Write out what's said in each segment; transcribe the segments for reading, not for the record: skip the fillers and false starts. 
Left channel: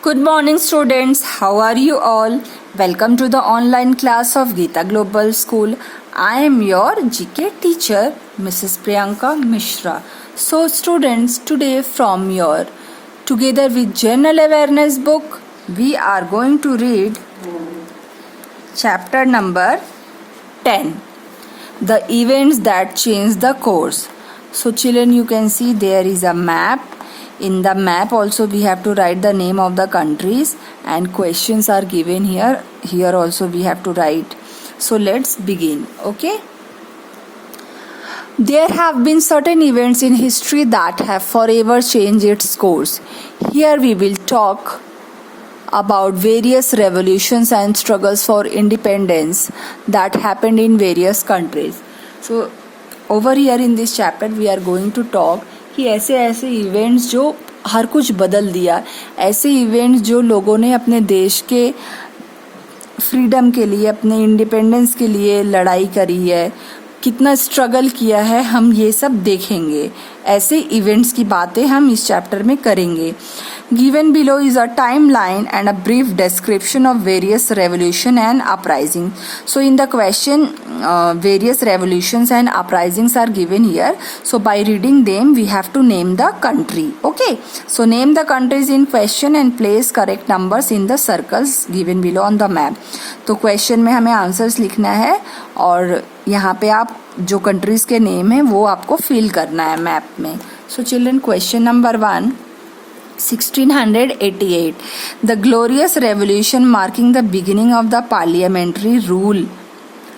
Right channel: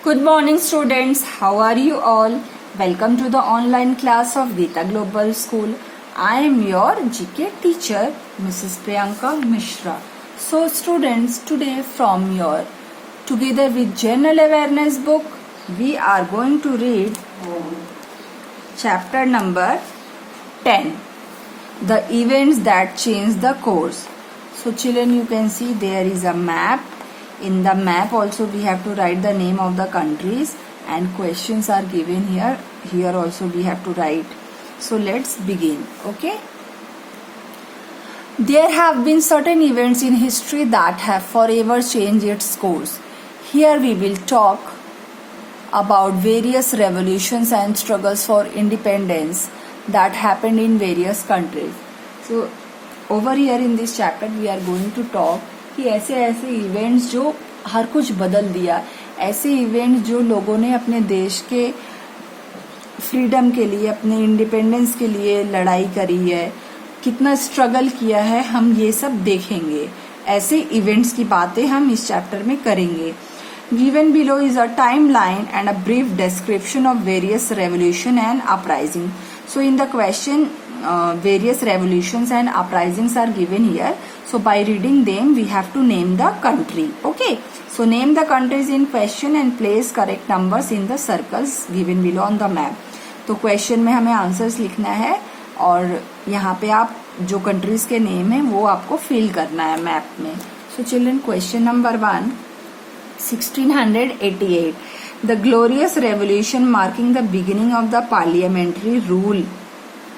Good morning, students. How are you all? Welcome to the online class of Geeta Global School. I am your GK teacher, Mrs. Priyanka Mishra. So, students, today from your Together with General Awareness book, we are going to read chapter number 10, The Events That Changed the Course. So, children, you can see there is a map. In the map also we have to write the name of the countries and questions are given here. Here also we have to write. So let's begin. Okay. There have been certain events in history that have forever changed its course. Here we will talk about various revolutions and struggles for independence that happened in various countries. So over here in this chapter we are going to talk कि ऐसे ऐसे events जो हर कुछ बदल दिया, ऐसे events जो लोगों ने अपने देश के फ्रीडम के लिए, अपने इंडिपेंडेंस के लिए लड़ाई करी है, कितना स्ट्रगल किया है, हम ये सब देखेंगे. ऐसे इवेंट्स की बातें हम इस चैप्टर में करेंगे. Given below is a timeline and a brief description of various revolution and uprising. So in the question, various revolutions and uprisings are given here. So by reading them, we have to name the country. Okay. So name the countries in question and place correct numbers in the circles given below on the map. तो question में हमें answers लिखना है और यहाँ पे आप जो कंट्रीज के नेम है वो आपको फिल करना है मैप में. So children, question number 1. 1688, the glorious revolution marking the beginning of the parliamentary rule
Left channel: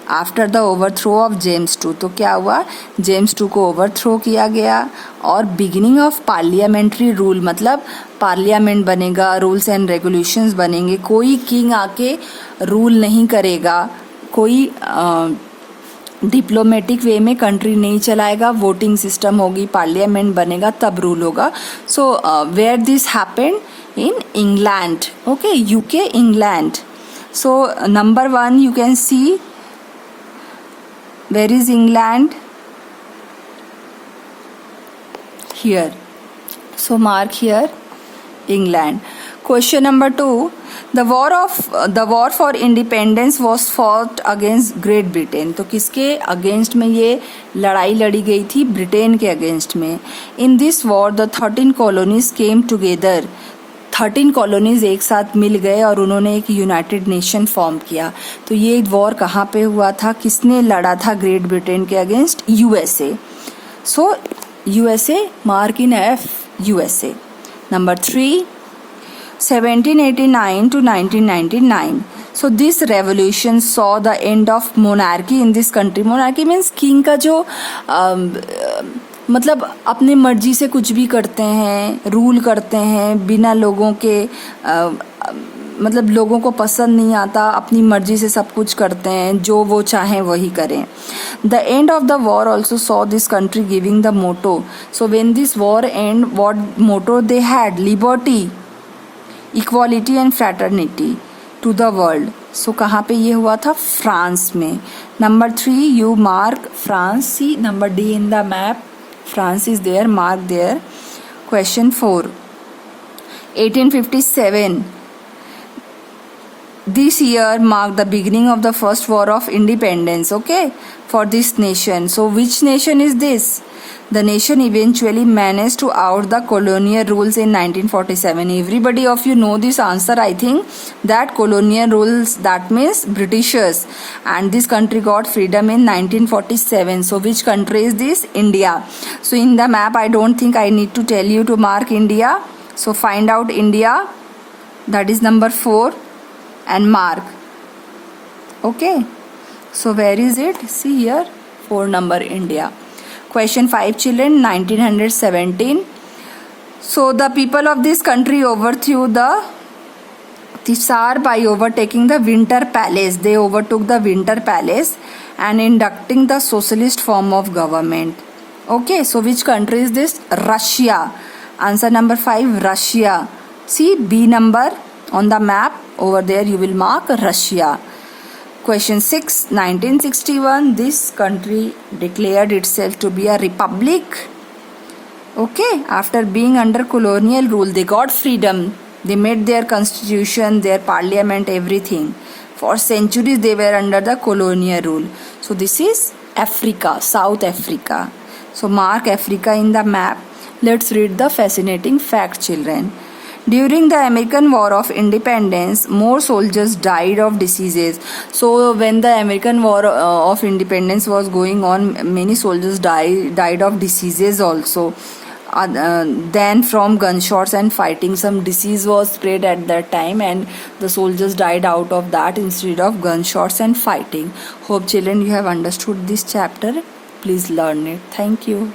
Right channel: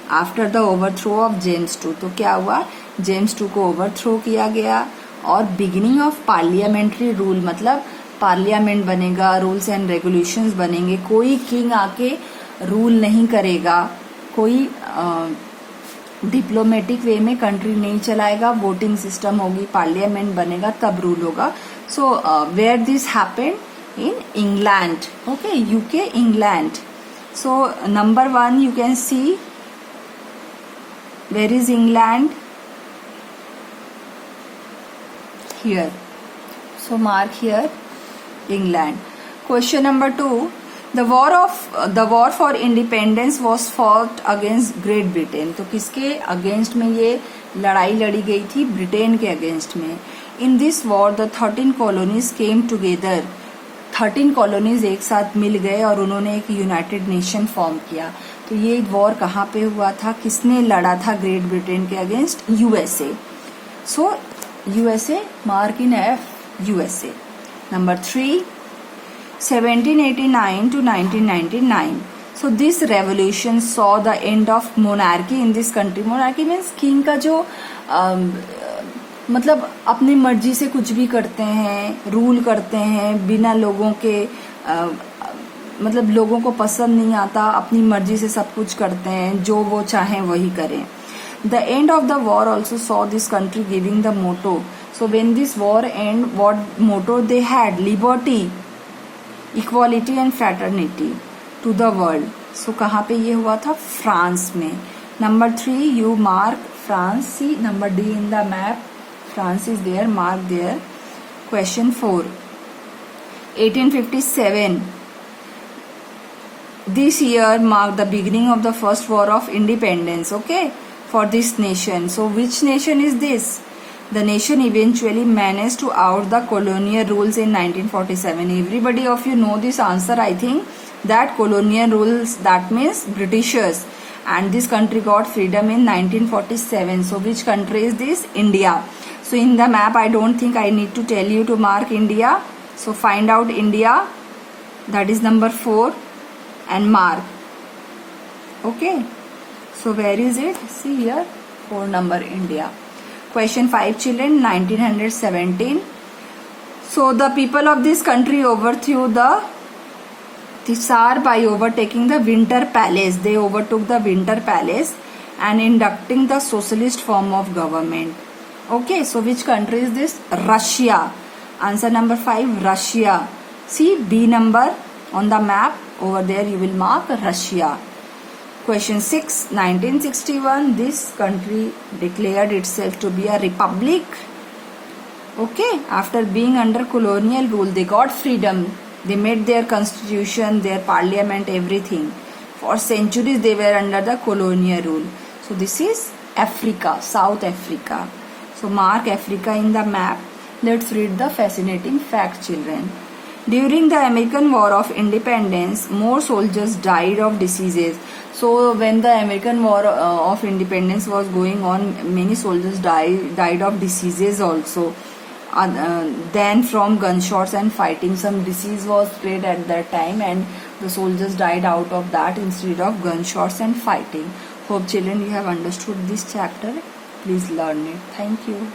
after the overthrow of James II. तो क्या हुआ, जेम्स II को ओवरथ्रो किया गया और बिगिनिंग ऑफ पार्लियामेंट्री रूल मतलब पार्लियामेंट बनेगा, रूल्स एंड रेगुलेशंस बनेंगे, कोई किंग आके रूल नहीं करेगा, कोई डिप्लोमेटिक वे में कंट्री नहीं चलाएगा, वोटिंग सिस्टम होगी, पार्लियामेंट बनेगा, तब रूल होगा. So where this happened in England. Okay, UK, England. So number 1 you can see where is England here. So mark here England. Question number 2. The war for independence was fought against Great Britain. तो किसके against में ये लड़ाई लड़ी गई थी? Britain के against में. In this war the 13 colonies came together. 13 colonies एक साथ मिल गए और उन्होंने एक यूनाइटेड नेशन फॉर्म किया. तो ये वॉर कहाँ पे हुआ था? किसने लड़ा था ग्रेट ब्रिटेन के against? USA. So USA, mark in F, USA. Number 3. 1789 to 1999. So this revolution saw the end of monarchy in this country. Monarchy means king का जो मतलब अपनी मर्जी से कुछ भी करते हैं, रूल करते हैं बिना लोगों के मतलब लोगों को पसंद नहीं आता, अपनी मर्जी से सब कुछ करते हैं, जो वो चाहें वही करें. The end of the war also saw this country giving the motto. So when this war end, what motto they had? Liberty, equality and fraternity to the world. So कहाँ पे ये हुआ था? फ्रांस में. Number 3 you mark France. See number D in the map, France is there, mark there. Question 4. 1857. This year marked the beginning of the first war of independence, okay, for this nation. So which nation is this? The nation eventually managed to out the colonial rules in 1947. Everybody of you know this answer, I think, that colonial rules, that means Britishers, and this country got freedom in 1947. So which country is this? India. So in the map I don't think I need to tell you to mark India. So find out India, that is number 4, and mark. Okay, so where is it? See here, 4 number, India. Question 5 children. 1917. So the people of this country overthrew the Tsar by overtaking the Winter Palace. They overtook the Winter Palace and inducting the socialist form of government. Okay, so which country is this? Russia. Answer number 5, Russia. See B number on the map. Over there you will mark Russia. Question 6. 1961. This country declared itself to be a republic. Okay, after being under colonial rule, they got freedom. They made their constitution, their parliament, everything. For centuries they were under the colonial rule. So this is Africa, South Africa. So mark Africa in the map. Let's read the fascinating fact, children. During the American War of Independence, more soldiers died of diseases. So when the American War of Independence was going on, many soldiers died of diseases also. Then from gunshots and fighting, some disease was spread at that time, and the soldiers died out of that instead of gunshots and fighting. Hope children you have understood this chapter. Please learn it. Thank you.